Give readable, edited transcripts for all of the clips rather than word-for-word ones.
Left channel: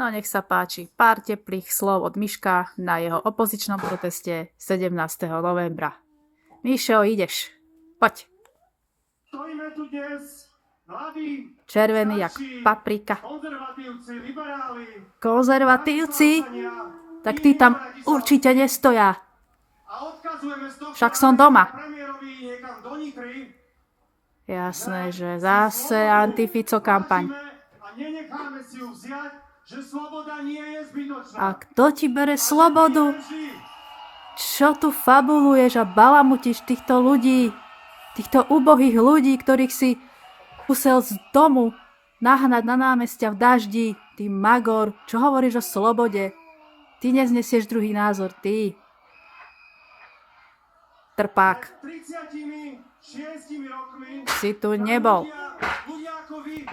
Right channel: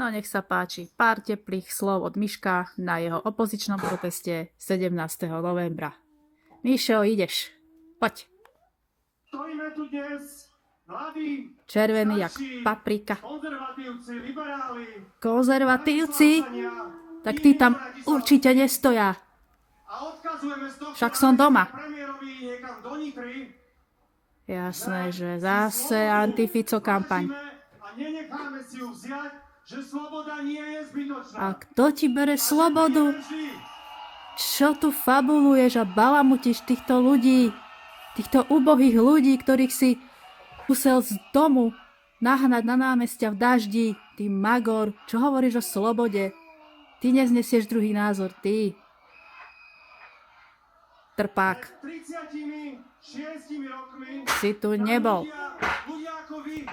No nech sa páči, pár teplých slov od Miška na jeho opozičnom proteste 17. novembra. Mišo, ideš. Poď. Stojíme tu dnes mladí, Červený jak starší, paprika. konzervatívci, liberáli, Konzervatívci? pravicovania, Tak tí tam iní poradí sa určite nestoja. a odkazujeme z tohto Však som doma. premiérovi niekam do Nitry. Jasné, že zase antifico kampaň. A nenecháme si ju vziať, že sloboda nie je zbytočná. A kto ti bere slobodu? Čo tu fabuluješ a balamutíš týchto ľudí? Týchto ubohých ľudí, ktorých si musel z domu nahnať na námestia v daždi. Ty magor, čo hovoríš o slobode? Ty neznesieš druhý názor, ty. Trpák. 36 rokmi Si tu nebol. ľudia ako vy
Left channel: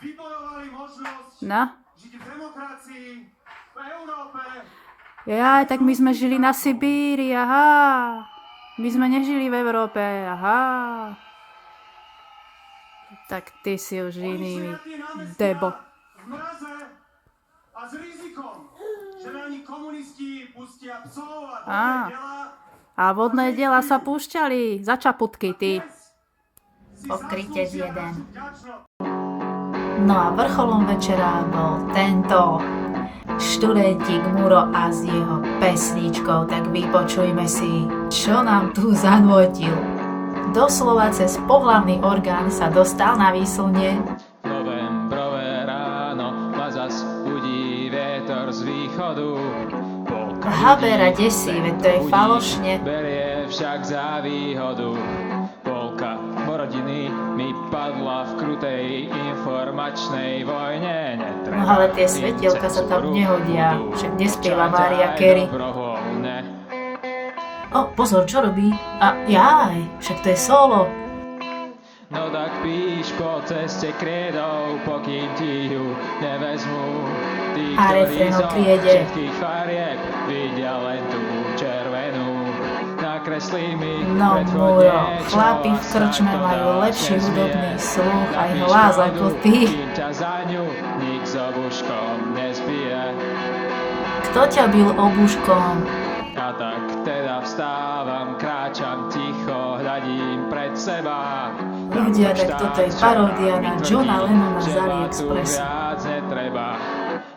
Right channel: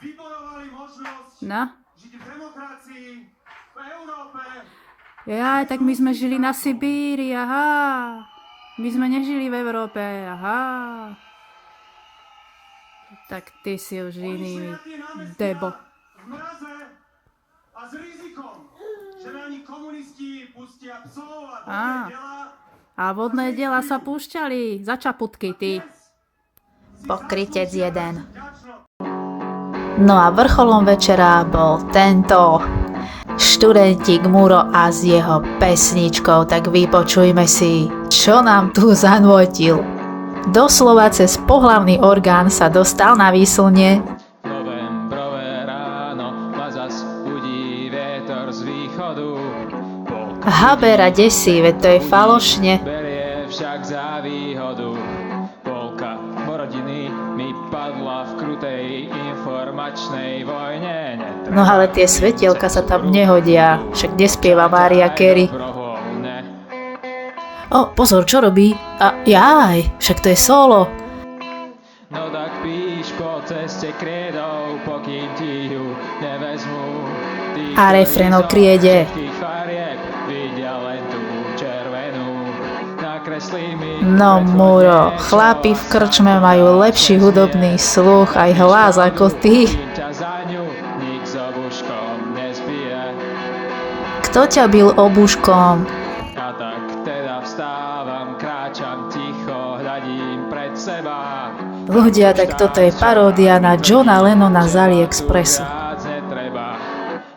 vybojovali možnosť No? žiť v demokracii, v Európe. Jaj, tak my sme žili na Sibíri, aha. My sme nežili v Európe, aha. Tak ty si už iný, debo. V mraze a s rizikom, že na nich komunisti pustia psov a vodné delá. A vodné diela sa púšťali za čaputky, ty. Pokrytec jeden. No a vrcholom večera bol tento študentík Muro a s jeho pesničkou, tak vypočujme si, čo nám tu zanútil. Doslova cez pohlavný orgán sa dostal na výslnie. Novembrové ráno ma zas budí vietor z východu. Habera desí, veď to je falošne. Berie však za výhodu. Polka rodiny mi padla v krutej informačnej vojne. No ale tie svetielka sa tam nehodia, však nespieva Mariah Carey. O, pozor, čo robí? A jaj, však to je solo. No tak píš po ceste kriedou, pokým ti ju nevezmu. A refrén o kriede. No Muro, chlapi v krčme majú lepší hudobný sluch aj hlas ako ty. Kto ťa bil obuškom? A tak teda vstávam, kráčam ticho, hľadím pred seba. Ľudia, tak toto je paródia na Johna Lennona z AliExpressu.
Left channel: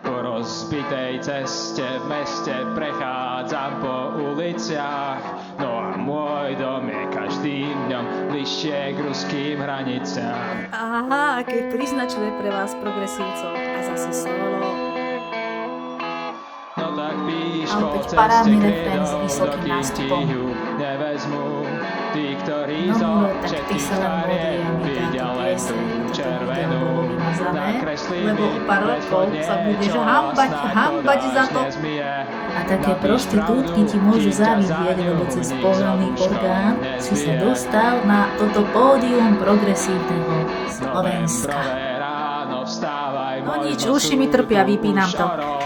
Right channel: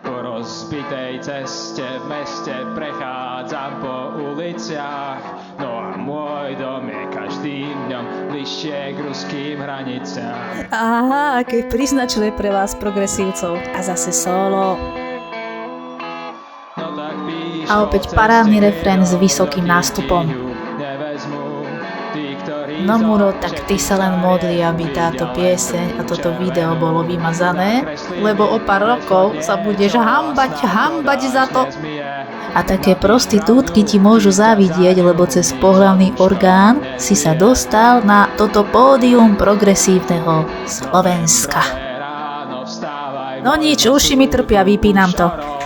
Po rozbitej ceste v meste prechádzam po uliciach. No a môj dom je každým dňom bližšie k ruským hraniciam. Aha, aké príznačné pre vás progresívcov. A zase solo. No tak píš A opäť parádny refrén s vysokým nástupom. No Muro, tak ty sa len modli, aby táto pieseň a toto video bolo vymazané, lebo o pár rokov sa budeš hambať za to. A také prostitútky ti môžu závidieť, lebo cez pohlavný orgán si sa dostal na toto pódium progresívneho Slovenska. No nič, uši mi trpia, vypínam to.